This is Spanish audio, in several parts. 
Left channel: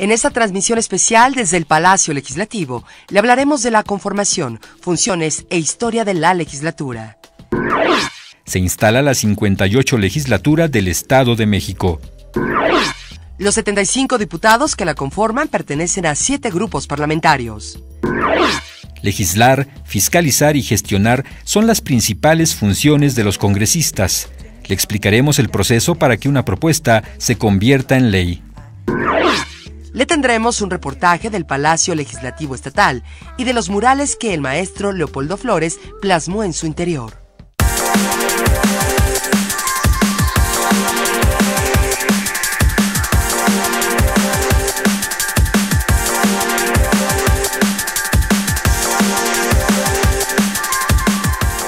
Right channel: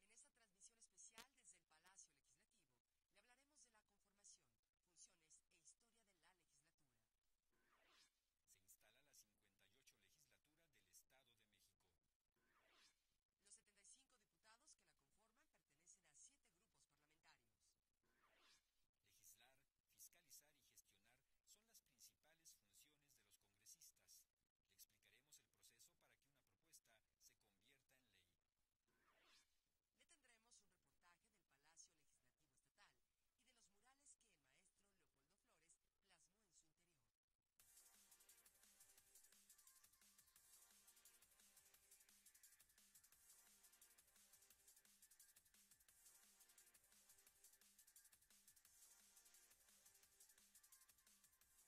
En esta transmisión especial desde el Palacio Legislativo, le hablaremos de la conformación, funciones e historia de la legislatura. Se instala la 58 legislatura del Estado de México. Los 75 diputados que la conforman pertenecen a 7 grupos parlamentarios. Legislar, fiscalizar y gestionar son las principales funciones de los congresistas. Le explicaremos el proceso para que una propuesta se convierta en ley. Le tendremos un reportaje del Palacio Legislativo Estatal y de los murales que el maestro Leopoldo Flores plasmó en su interior.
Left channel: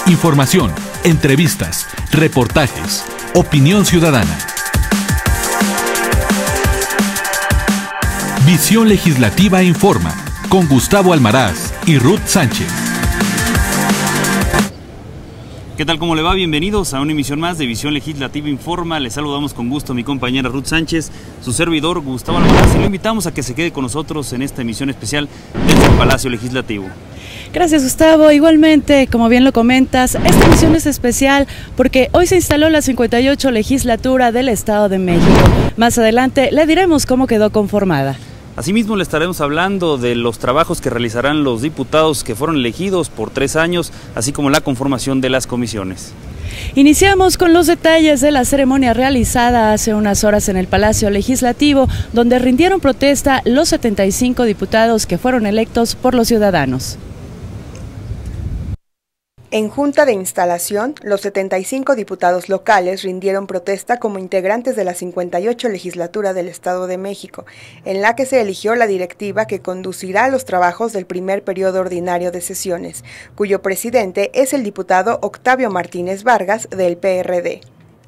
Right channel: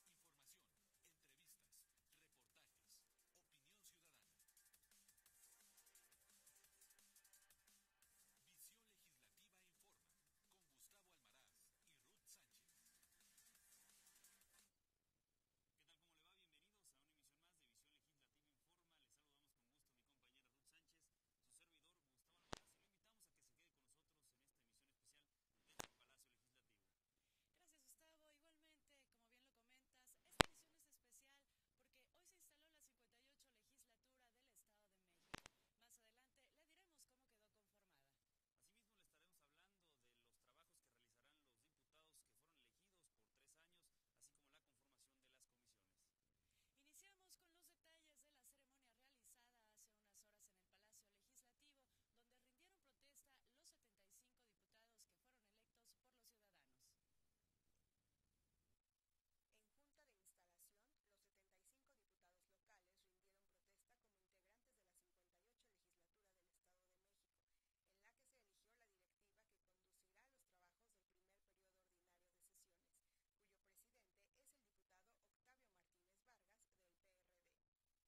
Información, entrevistas, reportajes, opinión ciudadana. Visión Legislativa Informa, con Gustavo Almaraz y Ruth Sánchez. ¿Qué tal? ¿Cómo le va? Bienvenidos a una emisión más de Visión Legislativa Informa. Les saludamos con gusto a mi compañera Ruth Sánchez, su servidor Gustavo Almaraz, y lo invitamos a que se quede con nosotros en esta emisión especial desde el Palacio Legislativo. Gracias, Gustavo. Igualmente, como bien lo comentas, esta emisión es especial porque hoy se instaló la 58 legislatura del Estado de México. Más adelante le diremos cómo quedó conformada. Asimismo, le estaremos hablando de los trabajos que realizarán los diputados que fueron elegidos por 3 años, así como la conformación de las comisiones. Iniciamos con los detalles de la ceremonia realizada hace unas horas en el Palacio Legislativo, donde rindieron protesta los 75 diputados que fueron electos por los ciudadanos. En junta de instalación, los 75 diputados locales rindieron protesta como integrantes de la 58 legislatura del Estado de México, en la que se eligió la directiva que conducirá los trabajos del primer periodo ordinario de sesiones, cuyo presidente es el diputado Octavio Martínez Vargas del PRD.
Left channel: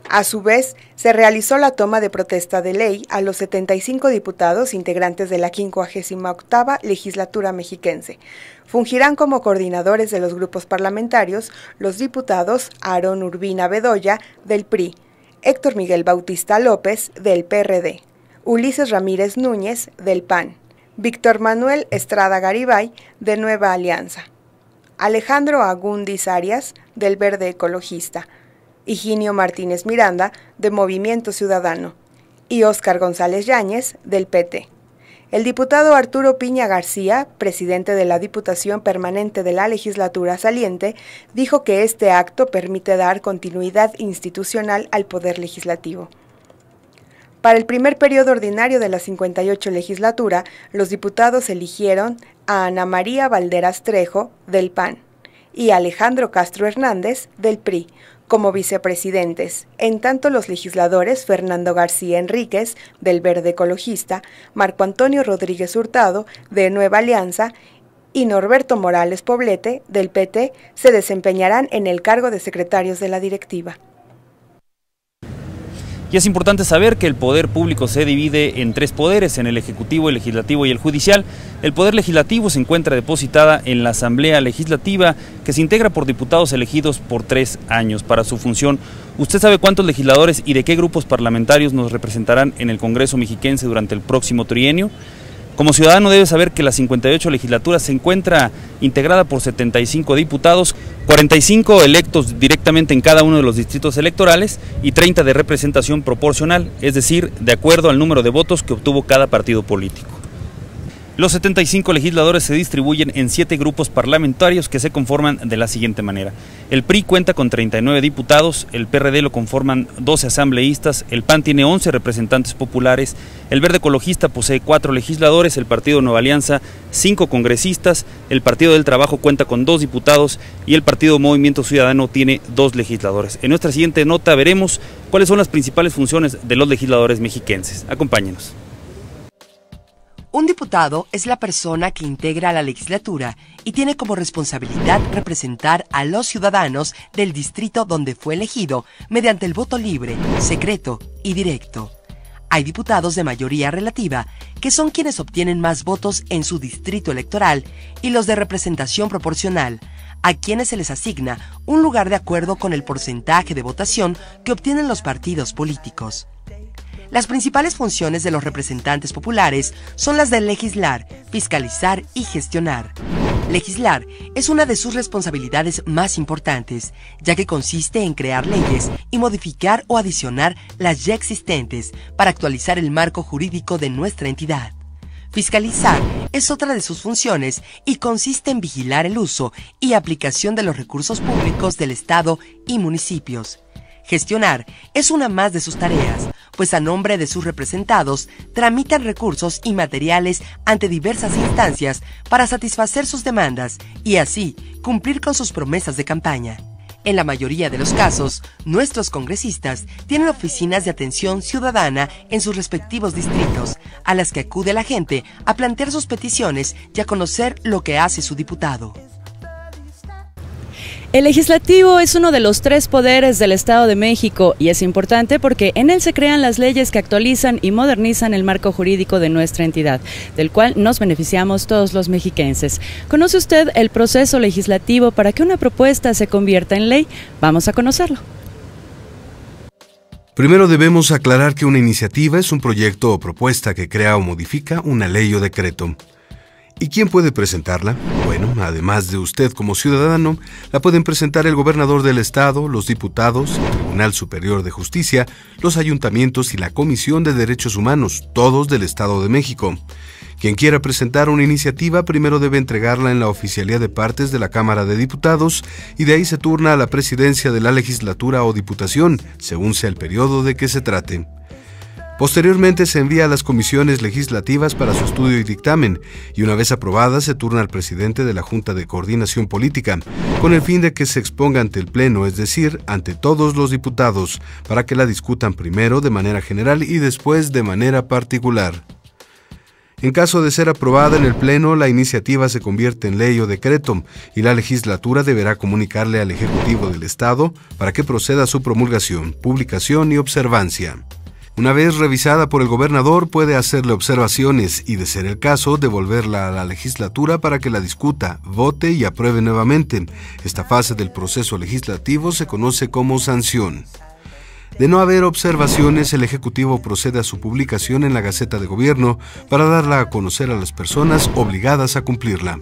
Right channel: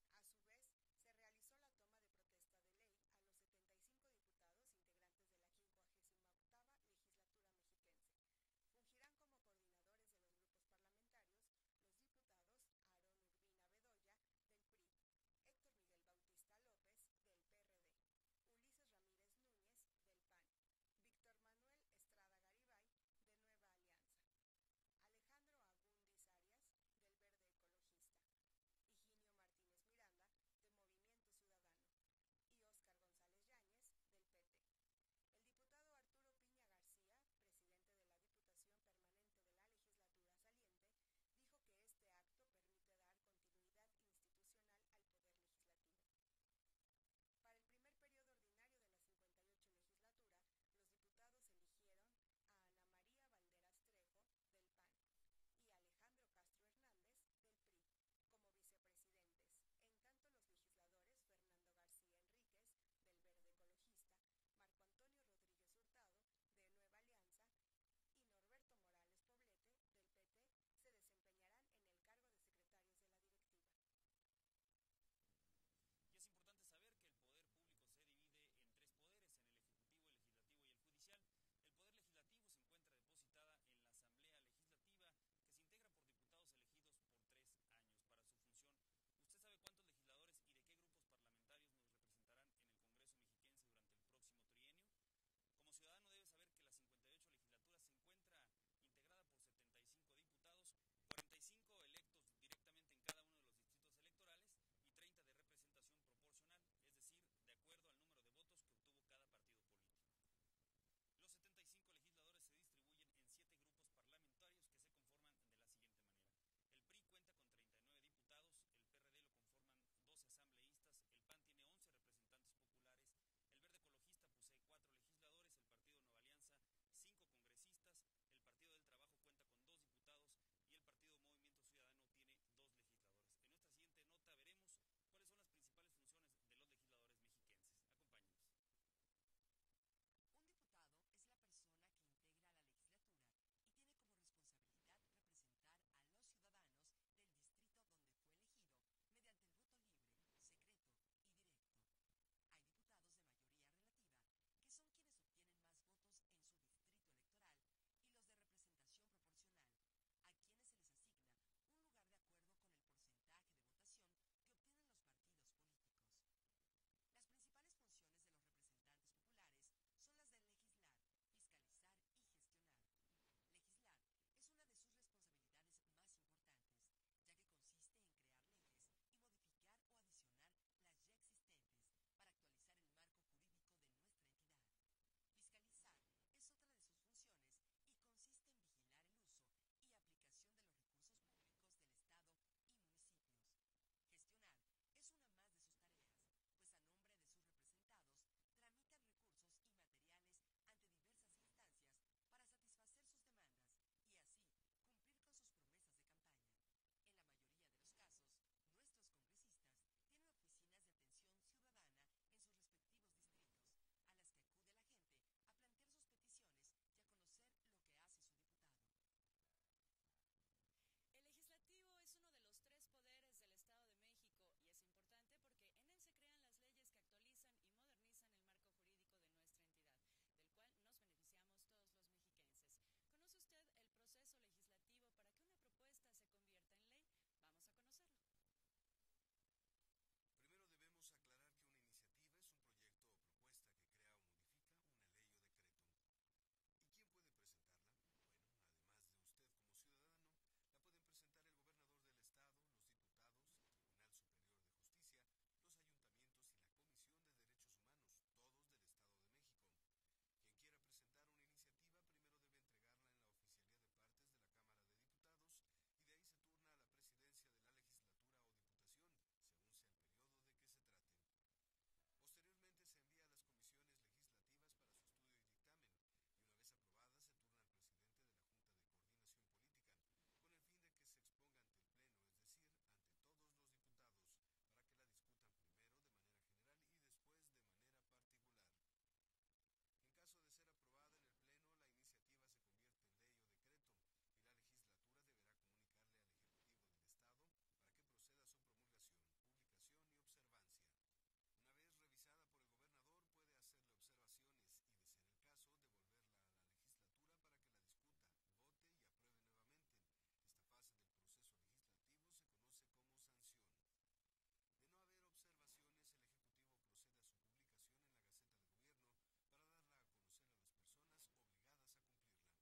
A su vez, se realizó la toma de protesta de ley a los 75 diputados integrantes de la 58ª legislatura mexiquense. Fungirán como coordinadores de los grupos parlamentarios los diputados Aarón Urbina Bedoya, del PRI, Héctor Miguel Bautista López, del PRD, Ulises Ramírez Núñez, del PAN, Víctor Manuel Estrada Garibay, de Nueva Alianza, Alejandro Agúndiz Arias, del Verde Ecologista, Higinio Martínez Miranda, de Movimiento Ciudadano, y Óscar González Yáñez, del PT. El diputado Arturo Piña García, presidente de la Diputación Permanente de la Legislatura saliente, dijo que este acto permite dar continuidad institucional al Poder Legislativo. Para el primer periodo ordinario de la 58 legislatura, los diputados eligieron a Ana María Valderas Trejo, del PAN, y a Alejandro Castro Hernández, del PRI, como vicepresidentes, en tanto los legisladores Fernando García Enríquez, del Verde Ecologista, Marco Antonio Rodríguez Hurtado, de Nueva Alianza, y Norberto Morales Poblete, del PT, se desempeñarán en el cargo de secretarios de la directiva. Y es importante saber que el poder público se divide en 3 poderes, en el Ejecutivo, el Legislativo y el Judicial. El Poder Legislativo se encuentra depositada en la Asamblea Legislativa, que se integra por diputados elegidos por 3 años para su función. ¿Usted sabe cuántos legisladores y de qué grupos parlamentarios nos representarán en el Congreso mexiquense durante el próximo trienio? Como ciudadano debe saber que la 58 legislatura se encuentra integrada por 75 diputados, 45 electos directamente en cada uno de los distritos electorales y 30 de representación proporcional, es decir, de acuerdo al número de votos que obtuvo cada partido político. Los 75 legisladores se distribuyen en 7 grupos parlamentarios que se conforman de la siguiente manera. El PRI cuenta con 39 diputados, el PRD lo conforman 12 asambleístas, el PAN tiene 11 representantes populares, el Verde Ecologista posee 4 legisladores, el Partido Nueva Alianza 5 congresistas, el Partido del Trabajo cuenta con 2 diputados y el Partido Movimiento Ciudadano tiene 2 legisladores. En nuestra siguiente nota veremos cuáles son las principales funciones de los legisladores mexiquenses. Acompáñenos. Un diputado es la persona que integra la legislatura y tiene como responsabilidad representar a los ciudadanos del distrito donde fue elegido mediante el voto libre, secreto y directo. Hay diputados de mayoría relativa, que son quienes obtienen más votos en su distrito electoral, y los de representación proporcional, a quienes se les asigna un lugar de acuerdo con el porcentaje de votación que obtienen los partidos políticos. Las principales funciones de los representantes populares son las de legislar, fiscalizar y gestionar. Legislar es una de sus responsabilidades más importantes, ya que consiste en crear leyes y modificar o adicionar las ya existentes para actualizar el marco jurídico de nuestra entidad. Fiscalizar es otra de sus funciones y consiste en vigilar el uso y aplicación de los recursos públicos del Estado y municipios. Gestionar es una más de sus tareas, pues a nombre de sus representados tramitan recursos y materiales ante diversas instancias para satisfacer sus demandas y así cumplir con sus promesas de campaña. En la mayoría de los casos, nuestros congresistas tienen oficinas de atención ciudadana en sus respectivos distritos, a las que acude la gente a plantear sus peticiones y a conocer lo que hace su diputado. El legislativo es uno de los 3 poderes del Estado de México y es importante porque en él se crean las leyes que actualizan y modernizan el marco jurídico de nuestra entidad, del cual nos beneficiamos todos los mexiquenses. ¿Conoce usted el proceso legislativo para que una propuesta se convierta en ley? Vamos a conocerlo. Primero debemos aclarar que una iniciativa es un proyecto o propuesta que crea o modifica una ley o decreto. ¿Y quién puede presentarla? Bueno, además de usted como ciudadano, la pueden presentar el gobernador del estado, los diputados, el Tribunal Superior de Justicia, los ayuntamientos y la Comisión de Derechos Humanos, todos del Estado de México. Quien quiera presentar una iniciativa primero debe entregarla en la Oficialía de Partes de la Cámara de Diputados y de ahí se turna a la presidencia de la legislatura o diputación, según sea el periodo de que se trate. Posteriormente se envía a las comisiones legislativas para su estudio y dictamen, y una vez aprobada se turna al presidente de la Junta de Coordinación Política, con el fin de que se exponga ante el Pleno, es decir, ante todos los diputados, para que la discutan primero de manera general y después de manera particular. En caso de ser aprobada en el Pleno, la iniciativa se convierte en ley o decreto, y la legislatura deberá comunicarle al Ejecutivo del Estado para que proceda a su promulgación, publicación y observancia. Una vez revisada por el gobernador, puede hacerle observaciones y, de ser el caso, devolverla a la legislatura para que la discuta, vote y apruebe nuevamente. Esta fase del proceso legislativo se conoce como sanción. De no haber observaciones, el Ejecutivo procede a su publicación en la Gaceta de Gobierno para darla a conocer a las personas obligadas a cumplirla.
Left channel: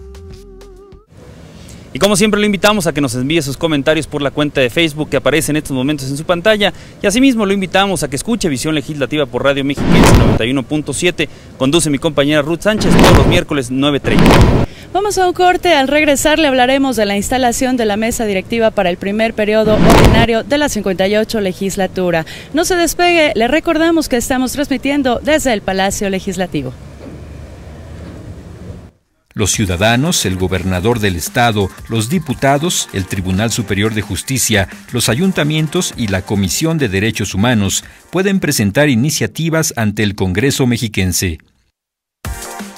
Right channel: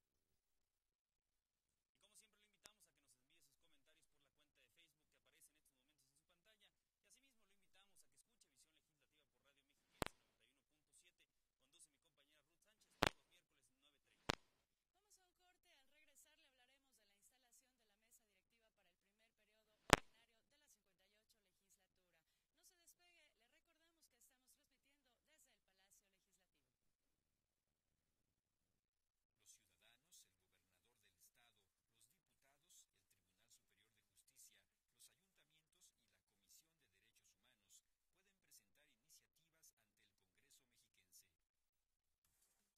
Y como siempre lo invitamos a que nos envíe sus comentarios por la cuenta de Facebook que aparece en estos momentos en su pantalla, y asimismo lo invitamos a que escuche Visión Legislativa por Radio Mexiquense 91.7, conduce mi compañera Ruth Sánchez todos los miércoles 9:30. Vamos a un corte, al regresar le hablaremos de la instalación de la mesa directiva para el primer periodo ordinario de la 58 legislatura. No se despegue, le recordamos que estamos transmitiendo desde el Palacio Legislativo. Los ciudadanos, el gobernador del estado, los diputados, el Tribunal Superior de Justicia, los ayuntamientos y la Comisión de Derechos Humanos pueden presentar iniciativas ante el Congreso mexiquense.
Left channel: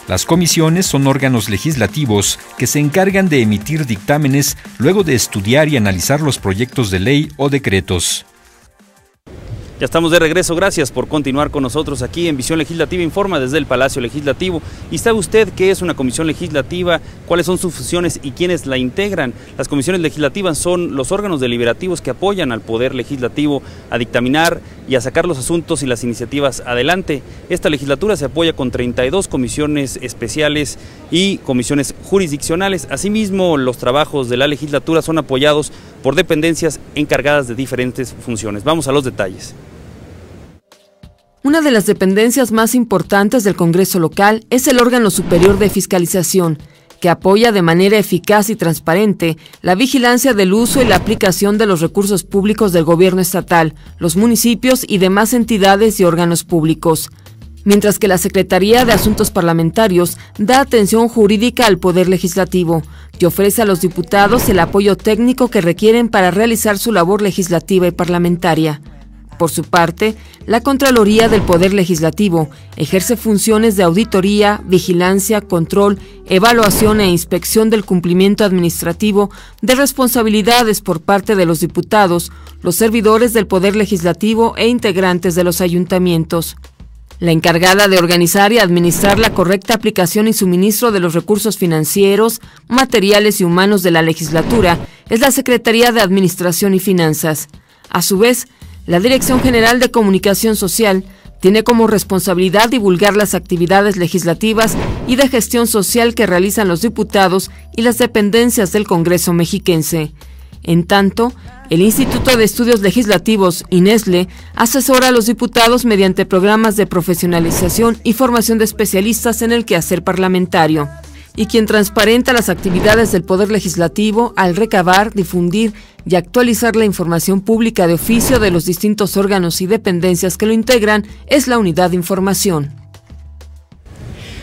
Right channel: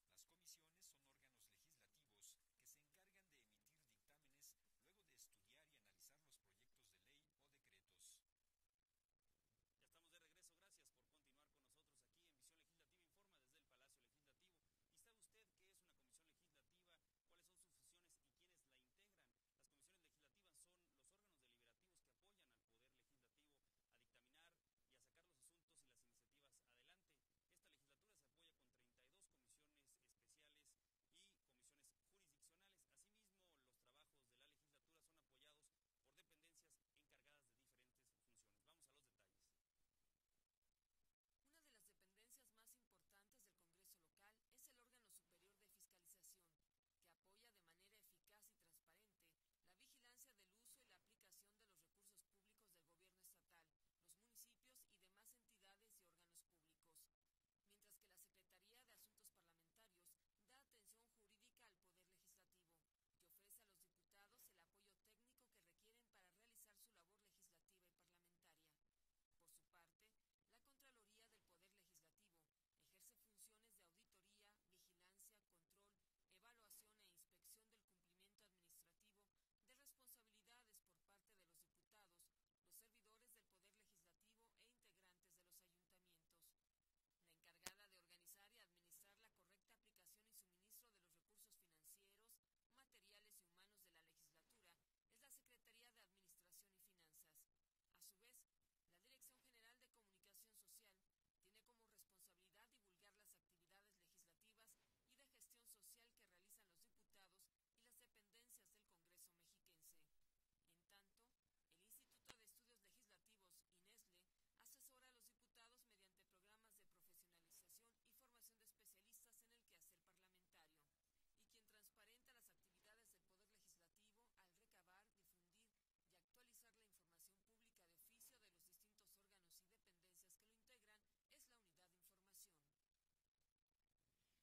Las comisiones son órganos legislativos que se encargan de emitir dictámenes luego de estudiar y analizar los proyectos de ley o decretos. Ya estamos de regreso, gracias por continuar con nosotros aquí en Visión Legislativa Informa desde el Palacio Legislativo. ¿Y sabe usted qué es una comisión legislativa? ¿Cuáles son sus funciones y quiénes la integran? Las comisiones legislativas son los órganos deliberativos que apoyan al Poder Legislativo a dictaminar y a sacar los asuntos y las iniciativas adelante. Esta legislatura se apoya con 32 comisiones especiales y comisiones jurisdiccionales. Asimismo, los trabajos de la legislatura son apoyados por dependencias encargadas de diferentes funciones. Vamos a los detalles. Una de las dependencias más importantes del Congreso local es el órgano superior de fiscalización, que apoya de manera eficaz y transparente la vigilancia del uso y la aplicación de los recursos públicos del gobierno estatal, los municipios y demás entidades y órganos públicos. Mientras que la Secretaría de Asuntos Parlamentarios da atención jurídica al Poder Legislativo y ofrece a los diputados el apoyo técnico que requieren para realizar su labor legislativa y parlamentaria. Por su parte, la Contraloría del Poder Legislativo ejerce funciones de auditoría, vigilancia, control, evaluación e inspección del cumplimiento administrativo de responsabilidades por parte de los diputados, los servidores del Poder Legislativo e integrantes de los ayuntamientos. La encargada de organizar y administrar la correcta aplicación y suministro de los recursos financieros, materiales y humanos de la legislatura es la Secretaría de Administración y Finanzas. A su vez, la Dirección General de Comunicación Social Tiene como responsabilidad divulgar las actividades legislativas y de gestión social que realizan los diputados y las dependencias del Congreso mexiquense. En tanto, el Instituto de Estudios Legislativos, INESLE, asesora a los diputados mediante programas de profesionalización y formación de especialistas en el quehacer parlamentario, y quien transparenta las actividades del Poder Legislativo al recabar, difundir y actualizar la información pública de oficio de los distintos órganos y dependencias que lo integran es la Unidad de Información.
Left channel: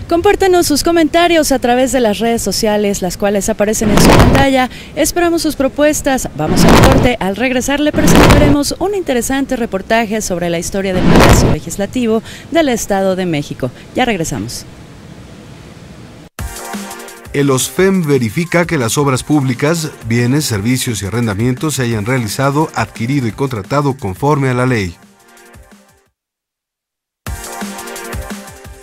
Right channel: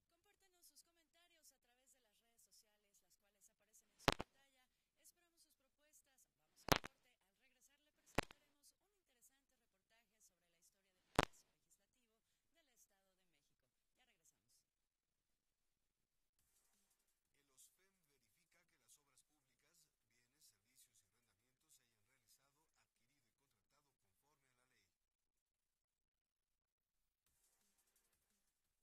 Compártanos sus comentarios a través de las redes sociales, las cuales aparecen en su pantalla. Esperamos sus propuestas. Vamos al corte. Al regresar le presentaremos un interesante reportaje sobre la historia del Palacio Legislativo del Estado de México. Ya regresamos. El OSFEM verifica que las obras públicas, bienes, servicios y arrendamientos se hayan realizado, adquirido y contratado conforme a la ley.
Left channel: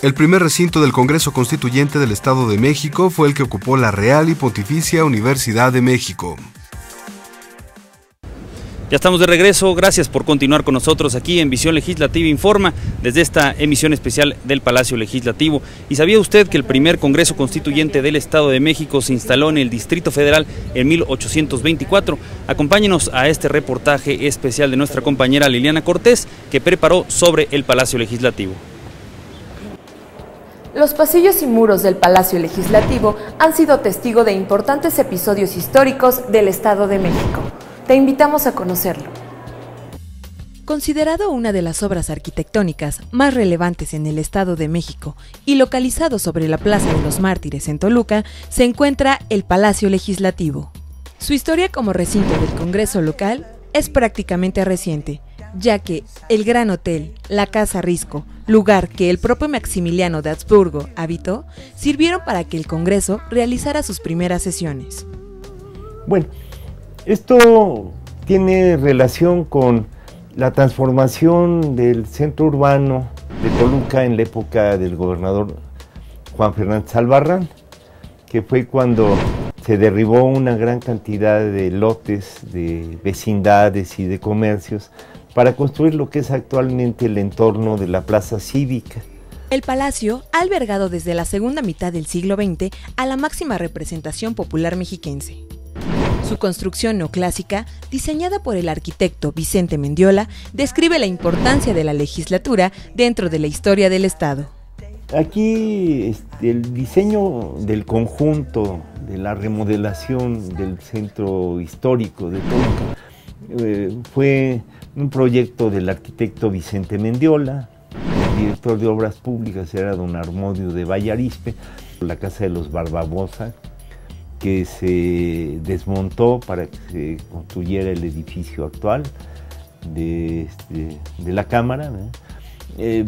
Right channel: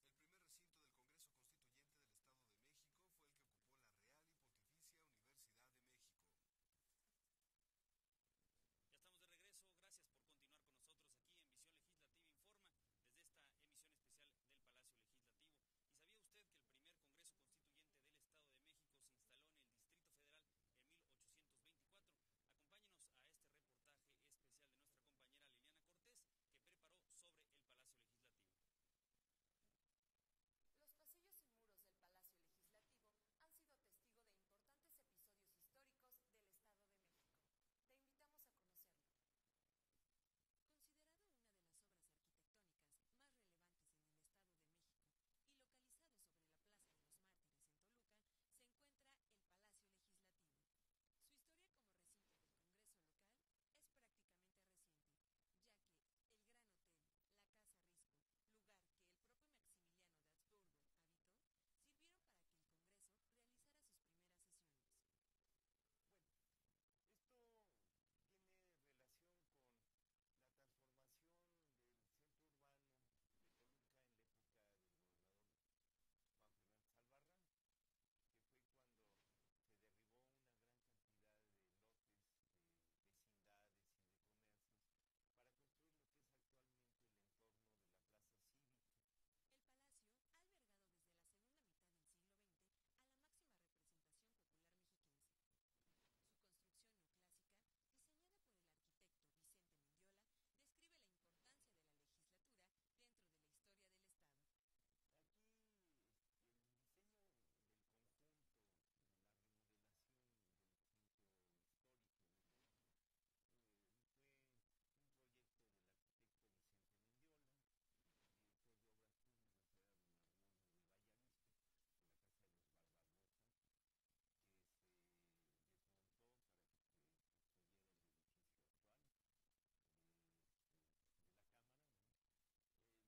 El primer recinto del Congreso Constituyente del Estado de México fue el que ocupó la Real y Pontificia Universidad de México. Ya estamos de regreso, gracias por continuar con nosotros aquí en Visión Legislativa Informa, desde esta emisión especial del Palacio Legislativo. ¿Y sabía usted que el primer Congreso Constituyente del Estado de México se instaló en el Distrito Federal en 1824? Acompáñenos a este reportaje especial de nuestra compañera Liliana Cortés, que preparó sobre el Palacio Legislativo. Los pasillos y muros del Palacio Legislativo han sido testigo de importantes episodios históricos del Estado de México. Te invitamos a conocerlo. Considerado una de las obras arquitectónicas más relevantes en el Estado de México y localizado sobre la Plaza de los Mártires en Toluca, se encuentra el Palacio Legislativo. Su historia como recinto del Congreso local es prácticamente reciente, ya que el Gran Hotel, la Casa Risco, lugar que el propio Maximiliano de Habsburgo habitó, sirvieron para que el Congreso realizara sus primeras sesiones. Bueno, esto tiene relación con la transformación del centro urbano de Toluca en la época del gobernador Juan Fernández Albarrán, que fue cuando se derribó una gran cantidad de lotes, de vecindades y de comercios para construir lo que es actualmente el entorno de la Plaza Cívica. El palacio ha albergado desde la segunda mitad del siglo XX a la máxima representación popular mexiquense. Su construcción neoclásica, diseñada por el arquitecto Vicente Mendiola, describe la importancia de la legislatura dentro de la historia del Estado. Aquí el diseño del conjunto, de la remodelación del centro histórico de Toluca, fue un proyecto del arquitecto Vicente Mendiola. El director de Obras Públicas era don Armodio de Vallarispe. La Casa de los Barbabosa, que se desmontó para que se construyera el edificio actual de la Cámara,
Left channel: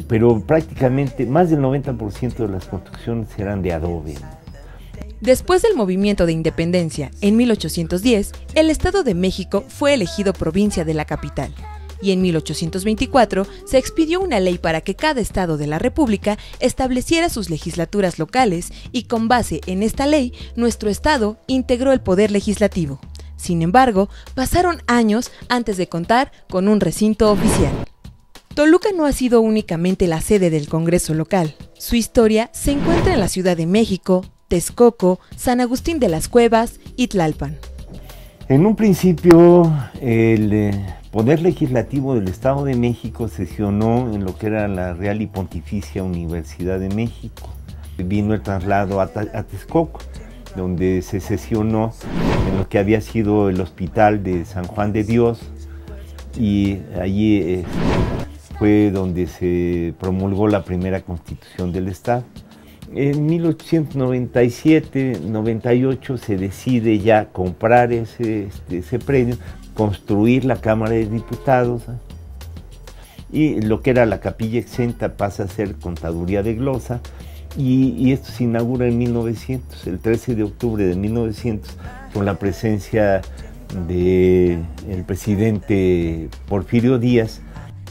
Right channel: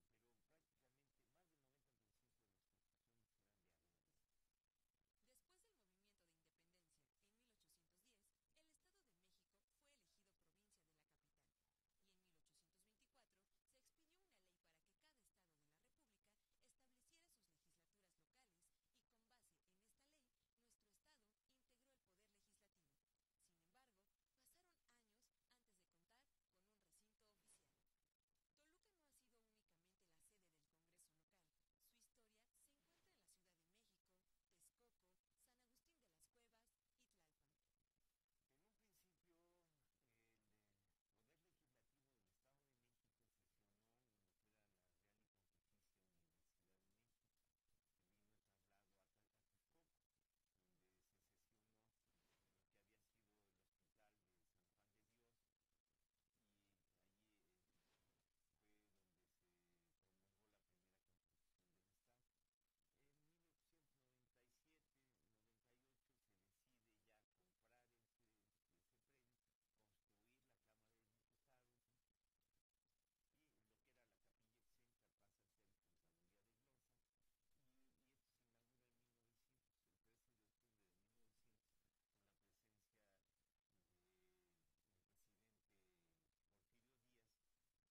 pero prácticamente más del 90% de las construcciones eran de adobe. Después del movimiento de independencia en 1810, el Estado de México fue elegido provincia de la capital. Y en 1824 se expidió una ley para que cada estado de la República estableciera sus legislaturas locales y con base en esta ley, nuestro estado integró el poder legislativo. Sin embargo, pasaron años antes de contar con un recinto oficial. Toluca no ha sido únicamente la sede del Congreso local. Su historia se encuentra en la Ciudad de México, Texcoco, San Agustín de las Cuevas y Tlalpan. En un principio, el Poder Legislativo del Estado de México sesionó en lo que era la Real y Pontificia Universidad de México. Vino el traslado a Texcoco, donde se sesionó en lo que había sido el Hospital de San Juan de Dios, y allí fue donde se promulgó la primera Constitución del Estado. En 1897-98 se decide ya comprar ese predio, construir la Cámara de Diputados, y lo que era la capilla exenta pasa a ser Contaduría de Glosa, y esto se inaugura en 1900, el 13 de octubre de 1900, con la presencia del presidente Porfirio Díaz.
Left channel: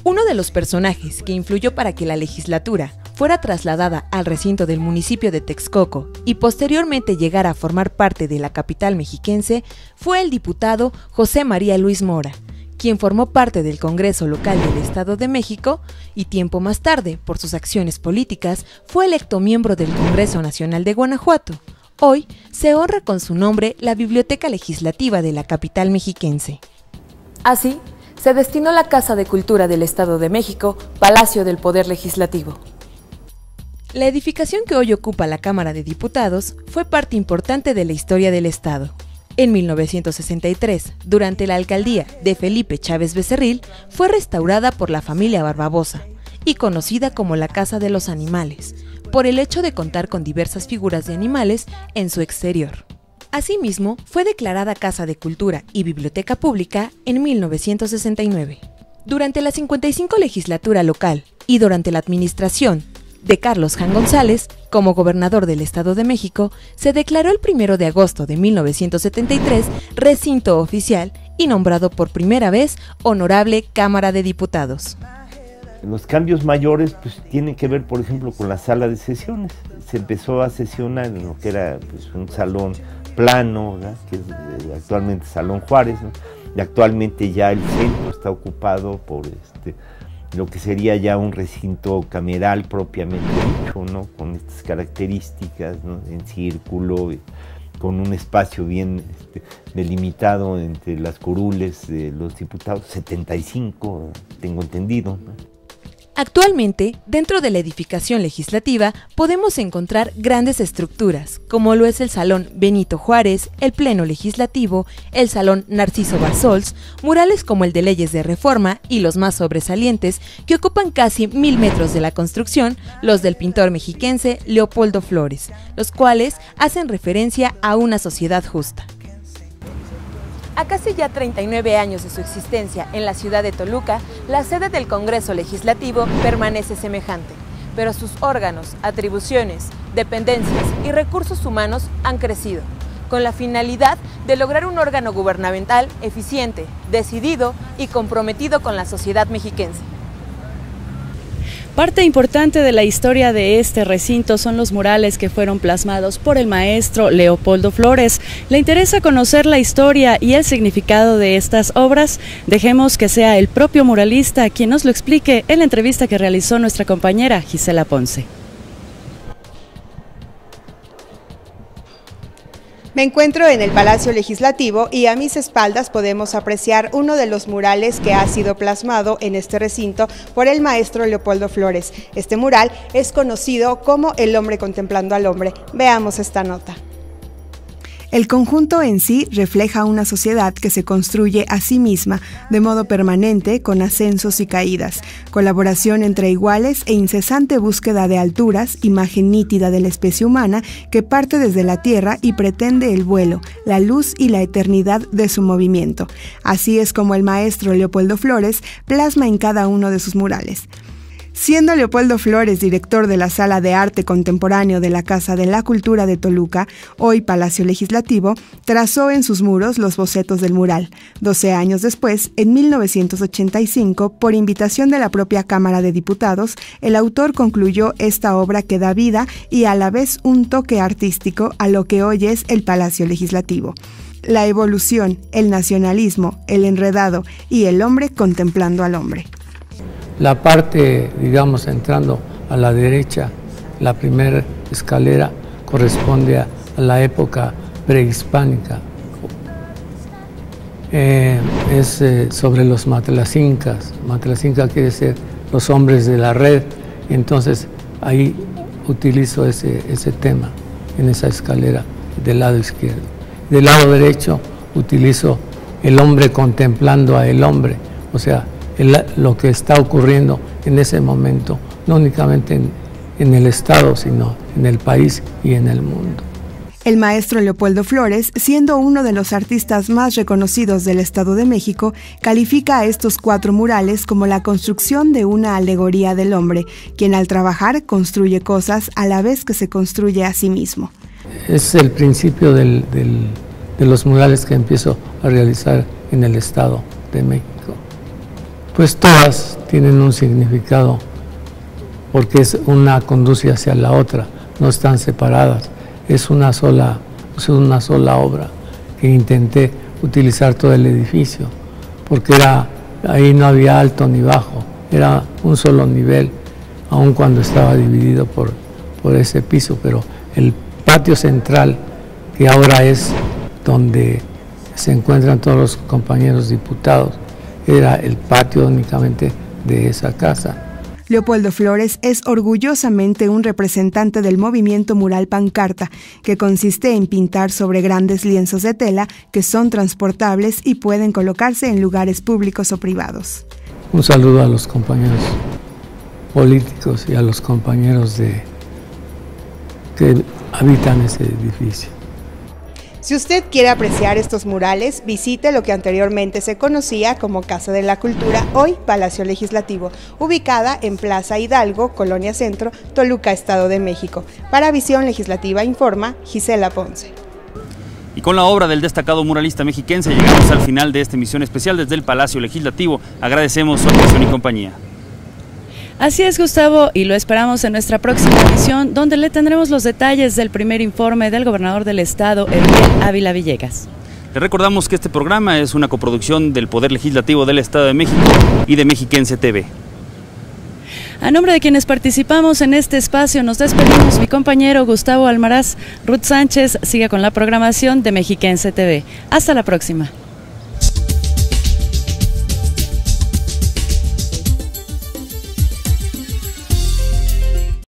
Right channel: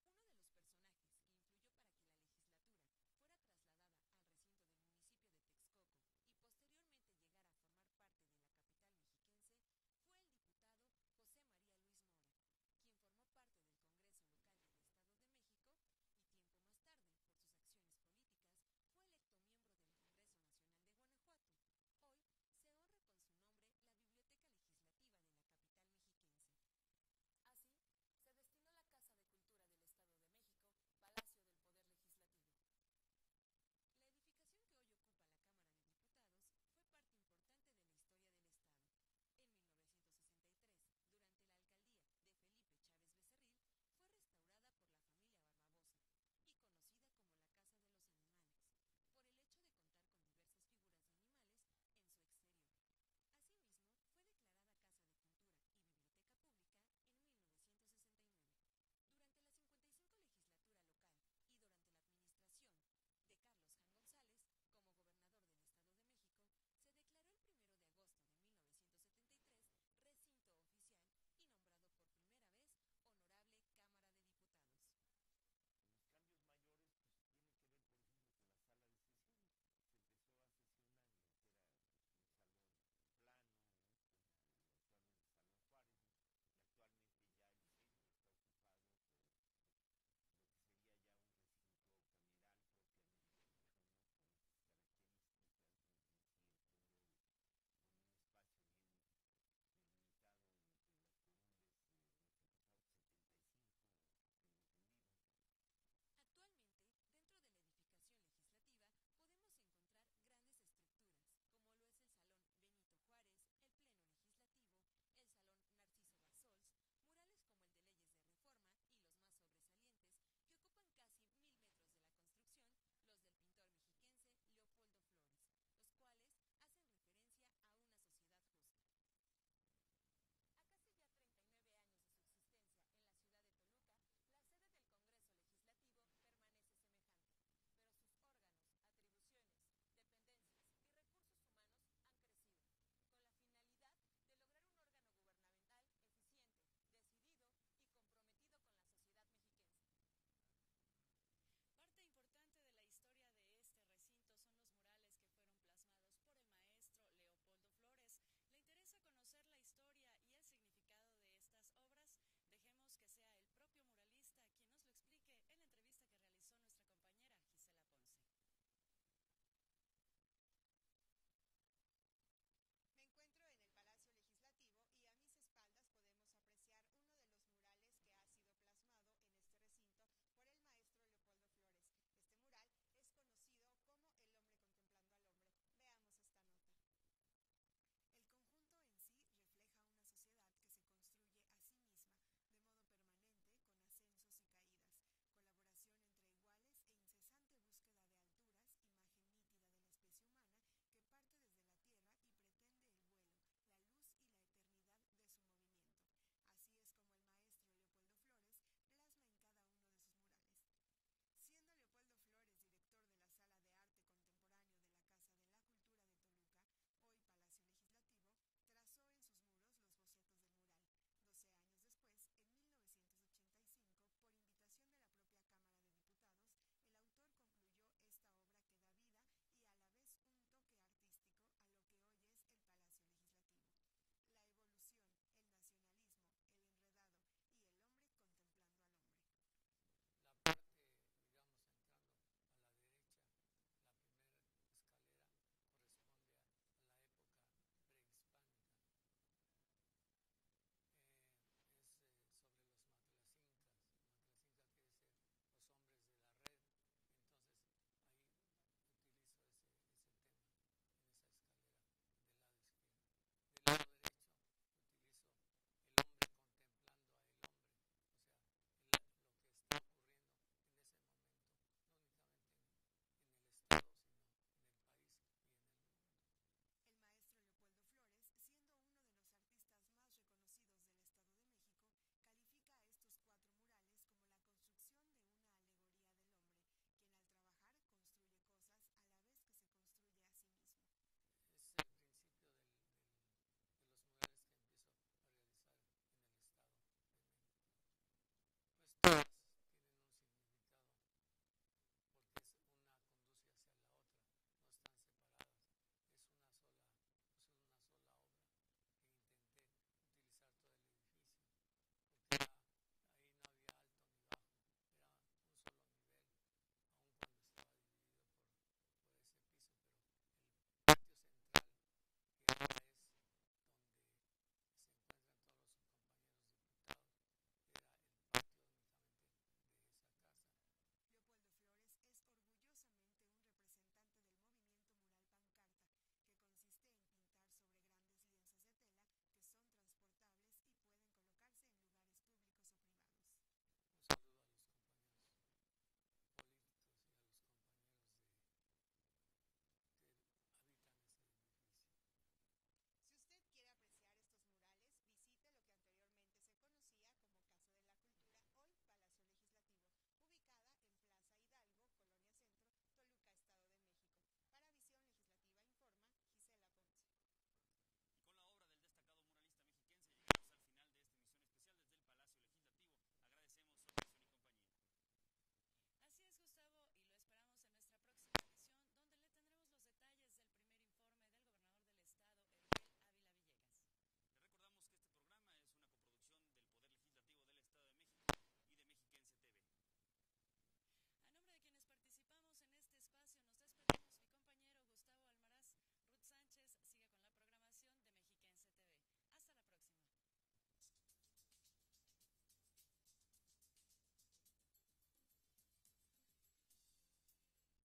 Uno de los personajes que influyó para que la legislatura fuera trasladada al recinto del municipio de Texcoco y posteriormente llegara a formar parte de la capital mexiquense fue el diputado José María Luis Mora, quien formó parte del Congreso Local del Estado de México y tiempo más tarde, por sus acciones políticas, fue electo miembro del Congreso Nacional de Guanajuato. Hoy se honra con su nombre la Biblioteca Legislativa de la capital mexiquense. Así, se destinó la Casa de Cultura del Estado de México, Palacio del Poder Legislativo. La edificación que hoy ocupa la Cámara de Diputados fue parte importante de la historia del Estado. En 1963, durante la alcaldía de Felipe Chávez Becerril, fue restaurada por la familia Barbabosa y conocida como la Casa de los Animales, por el hecho de contar con diversas figuras de animales en su exterior. Asimismo, fue declarada Casa de Cultura y Biblioteca Pública en 1969. Durante la 55 legislatura local y durante la administración de Carlos Jan González, como gobernador del Estado de México, se declaró el 1 de agosto de 1973 recinto oficial y nombrado por primera vez Honorable Cámara de Diputados. Los cambios mayores pues, tienen que ver, por ejemplo, con la sala de sesiones. Se empezó a sesionar en lo que era pues, un salón plano, ¿verdad? Que es actualmente Salón Juárez, ¿no? Y actualmente ya el centro está ocupado por lo que sería ya un recinto cameral propiamente dicho, ¿no? Con estas características, ¿no? En círculo, con un espacio bien delimitado entre las curules de los diputados, 75, tengo entendido, ¿no? Actualmente, dentro de la edificación legislativa, podemos encontrar grandes estructuras, como lo es el Salón Benito Juárez, el Pleno Legislativo, el Salón Narciso Bassols, murales como el de Leyes de Reforma y los más sobresalientes, que ocupan casi 1000 metros de la construcción, los del pintor mexiquense Leopoldo Flores, los cuales hacen referencia a una sociedad justa. A casi ya 39 años de su existencia en la ciudad de Toluca, la sede del Congreso Legislativo permanece semejante, pero sus órganos, atribuciones, dependencias y recursos humanos han crecido, con la finalidad de lograr un órgano gubernamental eficiente, decidido y comprometido con la sociedad mexiquense. Parte importante de la historia de este recinto son los murales que fueron plasmados por el maestro Leopoldo Flores. ¿Le interesa conocer la historia y el significado de estas obras? Dejemos que sea el propio muralista quien nos lo explique en la entrevista que realizó nuestra compañera Gisela Ponce. Me encuentro en el Palacio Legislativo y a mis espaldas podemos apreciar uno de los murales que ha sido plasmado en este recinto por el maestro Leopoldo Flores. Este mural es conocido como El hombre contemplando al hombre. Veamos esta nota. El conjunto en sí refleja una sociedad que se construye a sí misma de modo permanente, con ascensos y caídas, colaboración entre iguales e incesante búsqueda de alturas, imagen nítida de la especie humana que parte desde la tierra y pretende el vuelo, la luz y la eternidad de su movimiento. Así es como el maestro Leopoldo Flores plasma en cada uno de sus murales. Siendo Leopoldo Flores director de la Sala de Arte Contemporáneo de la Casa de la Cultura de Toluca, hoy Palacio Legislativo, trazó en sus muros los bocetos del mural. 12 años después, en 1985, por invitación de la propia Cámara de Diputados, el autor concluyó esta obra que da vida y a la vez un toque artístico a lo que hoy es el Palacio Legislativo. La evolución, el nacionalismo, el enredado y el hombre contemplando al hombre. La parte, digamos, entrando a la derecha, la primera escalera corresponde a la época prehispánica. Es sobre los Matlacincas. Matlacinca quiere decir los hombres de la red. Entonces ahí utilizo ese tema en esa escalera del lado izquierdo. Del lado derecho utilizo el hombre contemplando a el hombre, o sea, lo que está ocurriendo en ese momento, no únicamente en el Estado, sino en el país y en el mundo. El maestro Leopoldo Flores, siendo uno de los artistas más reconocidos del Estado de México, califica a estos 4 murales como la construcción de una alegoría del hombre, quien al trabajar construye cosas a la vez que se construye a sí mismo. Es el principio de los murales que empiezo a realizar en el Estado de México. Pues todas tienen un significado, porque una conduce hacia la otra, no están separadas, es una sola obra que intenté utilizar todo el edificio porque ahí no había alto ni bajo, era un solo nivel, aun cuando estaba dividido por ese piso, pero el patio central, que ahora es donde se encuentran todos los compañeros diputados, era el patio únicamente de esa casa. Leopoldo Flores es orgullosamente un representante del movimiento mural pancarta, que consiste en pintar sobre grandes lienzos de tela que son transportables y pueden colocarse en lugares públicos o privados. Un saludo a los compañeros políticos y a los compañeros que habitan ese edificio. Si usted quiere apreciar estos murales, visite lo que anteriormente se conocía como Casa de la Cultura, hoy Palacio Legislativo, ubicada en Plaza Hidalgo, Colonia Centro, Toluca, Estado de México. Para Visión Legislativa informa Gisela Ponce. Y con la obra del destacado muralista mexiquense llegamos al final de esta emisión especial desde el Palacio Legislativo. Agradecemos su atención y compañía. Así es, Gustavo, y lo esperamos en nuestra próxima emisión, donde le tendremos los detalles del primer informe del gobernador del estado, Erubiel Ávila Villegas. Le recordamos que este programa es una coproducción del Poder Legislativo del Estado de México y de Mexiquense TV. A nombre de quienes participamos en este espacio, nos despedimos. Mi compañero Gustavo Almaraz, Ruth Sánchez, sigue con la programación de Mexiquense TV. Hasta la próxima.